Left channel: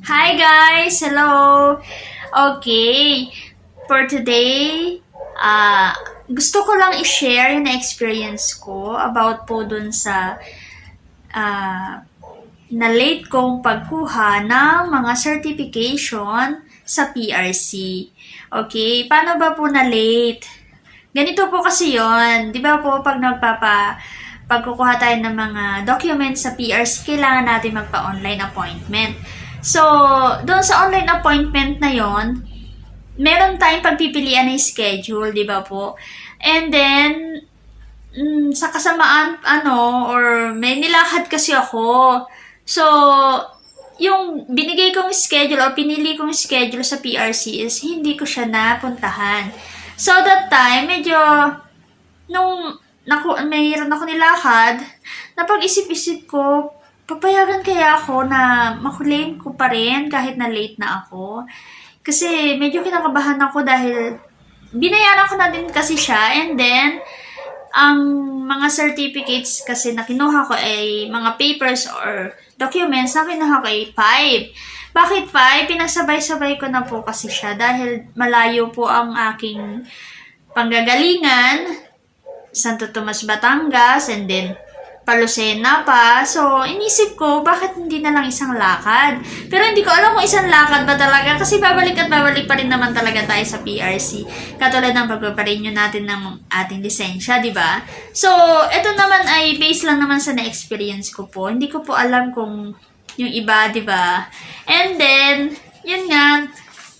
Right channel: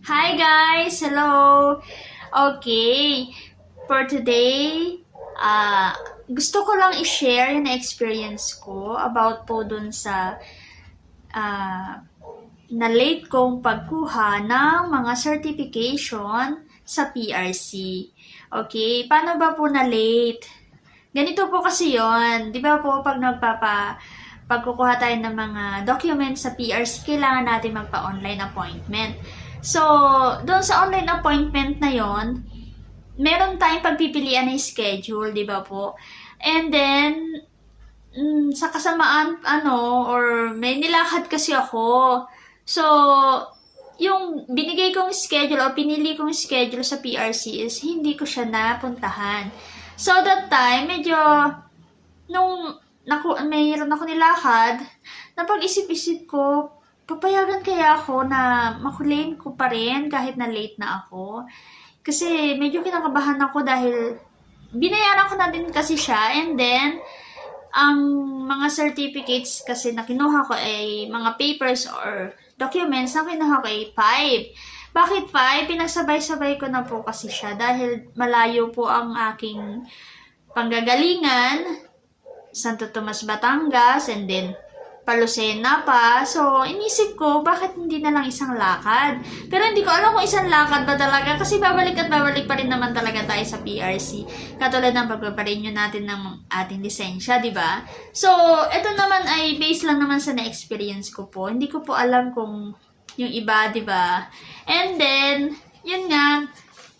Hi guys! Hello! Okay, for today, ah gusto ko lang i-share yung experience ko about po dun sa ah na late kong pagkuha ng mga certification sa PRC. Okay, paano ba po na late? Ganito po kasi yon, di ba po pag nagpapa pagkukuha tayo ng mga documents sa PRC, kailangan natin magpa-online appointment. So, doon sa online appointment na yon, meron tayong pagpipilian ng schedule, di ba po? And then, mm, sa kasamaan, ano, or may nilakad kasi ako. So, yung binigay kong schedule o pinili kong schedule sa PRC is hindi ko siya napuntahan. So, that time, medyo, nung naku, mayroon ako nilakad, napag-isip-isip ko, papayagan kaya ako na makulim ko pa rin kahit na late na ako. Kasi medyo kinakabahan ako dahil binayaran ko na din kasi siya and then ang mga certificates kasi na kinuha ko ay mga papers or documents na kinuha ko ay 5. Bakit 5? Pinagsabay-sabay ko na po kasi siya dahil malayo po ang aking panggagalingan Santo Tomas, Batangas, and then Palusena pa. So, inisip ko, bakit hindi na lang isang lakad? Pero hindi ko alam kung isang lakad ba talaga kasi babalik at babalik pa rin naman talaga tayo sa PRC. Katulad ng pagpaparenew natin ng ating lisensya, di ba? So, ito naman ay based lang naman sa na-experience ko po. Hindi ko po alam kung yung iba, di ba? And then, yun nga,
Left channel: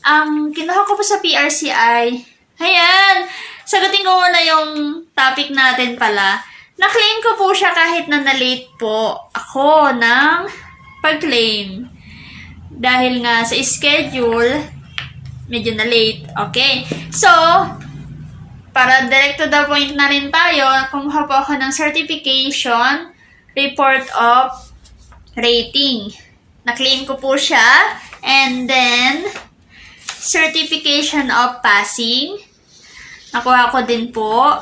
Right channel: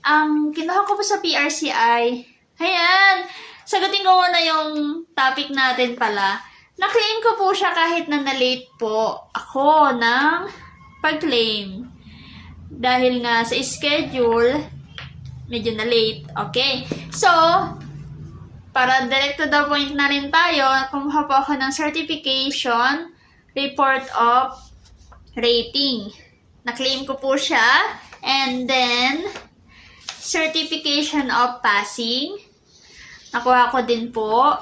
ang kinuha ko po sa PRC ay, ayan, sagutin ko muna yung topic natin pala. Na-claim ko po siya kahit na na-late po ako ng pag-claim. Dahil nga sa schedule, medyo na-late. Okay. So, para direct to the point na rin tayo, kumuha po ako ng certification report of rating. Na-claim ko po siya. And then, certification of passing. Nakuha ko din po.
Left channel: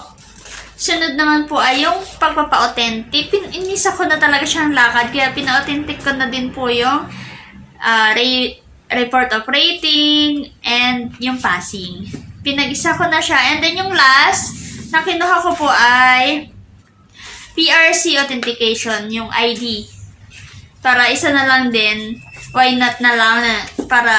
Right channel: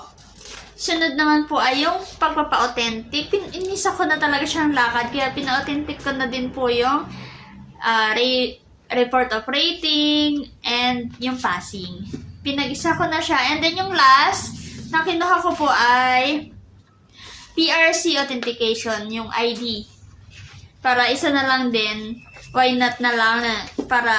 Sunod naman po ay yung pagpapa-authentic. Inisa ko na talaga siyang lakad, kaya pina-authentic ko na din po yung ah, re- report of rating and yung passing. Pinag-isa ko na siya. And then yung last na kinuha ko po ay PRC authentication, yung ID. Para isa na lang din, why not na lang na para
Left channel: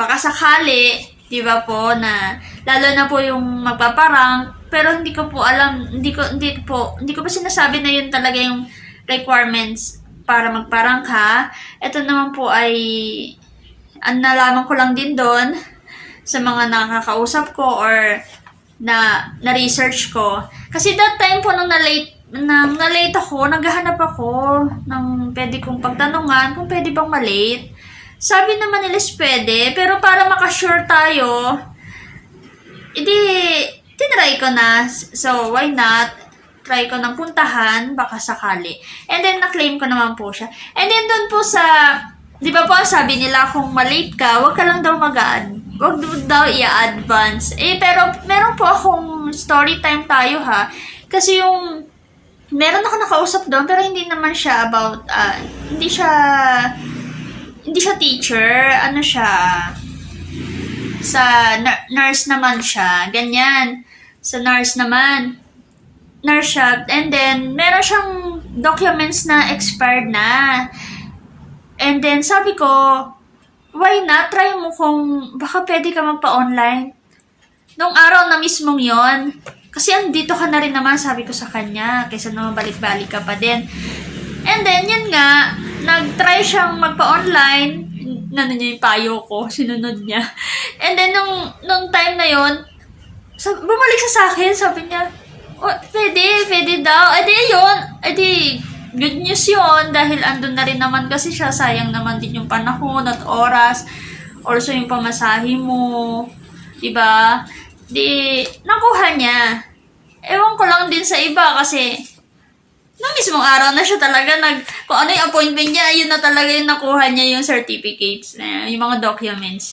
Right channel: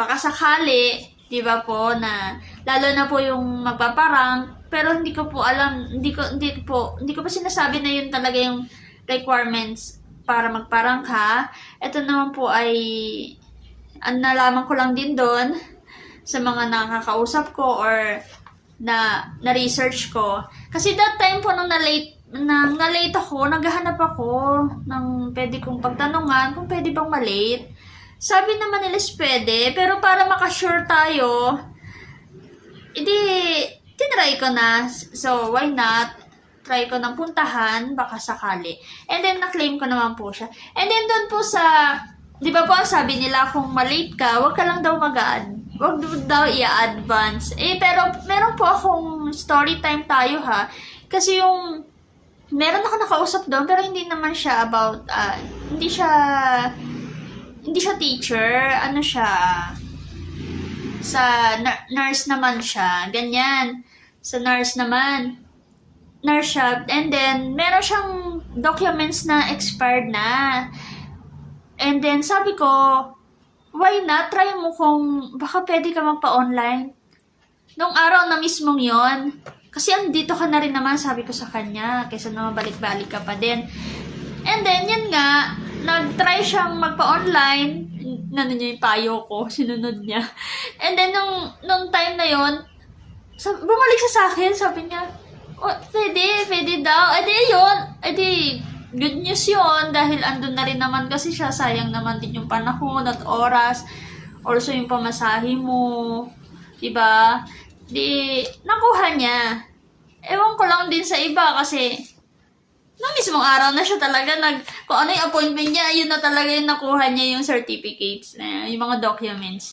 baka sakali, di ba po, na lalo na po yung magpaparang, pero hindi ko po alam, hindi ko, hindi po, hindi ko pa sinasabi na yun talaga yung requirements para magparang ka. Ito naman po ay, ang nalaman ko lang din doon sa mga nakakausap ko or na na-research ko. Kasi that time po nung na-late, nang na-late ako, naghahanap ako ng pwede kong pagtanungan kung pwede bang malate. Sabi naman nila pwede, pero para makasure tayo, hindi, tinry ko na. So, why not? Try ko ng puntahan, baka sakali. And then, na-claim ko naman po siya. And then, doon po sa, di ba po, sabi nila, kung malate ka, wag ka lang daw mag-add. Wag daw i-advance. Eh, pero, meron po akong story time tayo ha. Kasi yung, meron ako nakausap doon, pero hindi naman siya about, ah, hindi siya, hindi siya teacher, ano siya, sa nur- nurse naman siya, ganyan. Sa nurse naman, nurse siya, and then, meron siyang documents na expired na. And then, sabi ko, why not? Try mo kung baka pwede ka magpa-online. Nung araw na mismong yon kasi andito ka na rin naman, sabi ko sa kanya, kaysa naman balik-balik ka pa din. And then, yun nga, nag-try siyang magpa-online, nano niya yung payo ko, sinunod niya. And then, nung, nung time na yon sab- bumalik siya sa akin, sabi niya, oh, pwede, pwede daw. Eh di yun, eh di, good news yun, dahil andun na rin naman kasi siya, sayang naman din yung panahon at oras, also yung pamasahe mo, diba? Di, nakuha niya. Ewan ko lang din sa iba kasi, na mismong araw na siya talaga nag, kung ano yung appointment niya, yun na talaga yung nakuha niya yung certificates, na yung mga documents.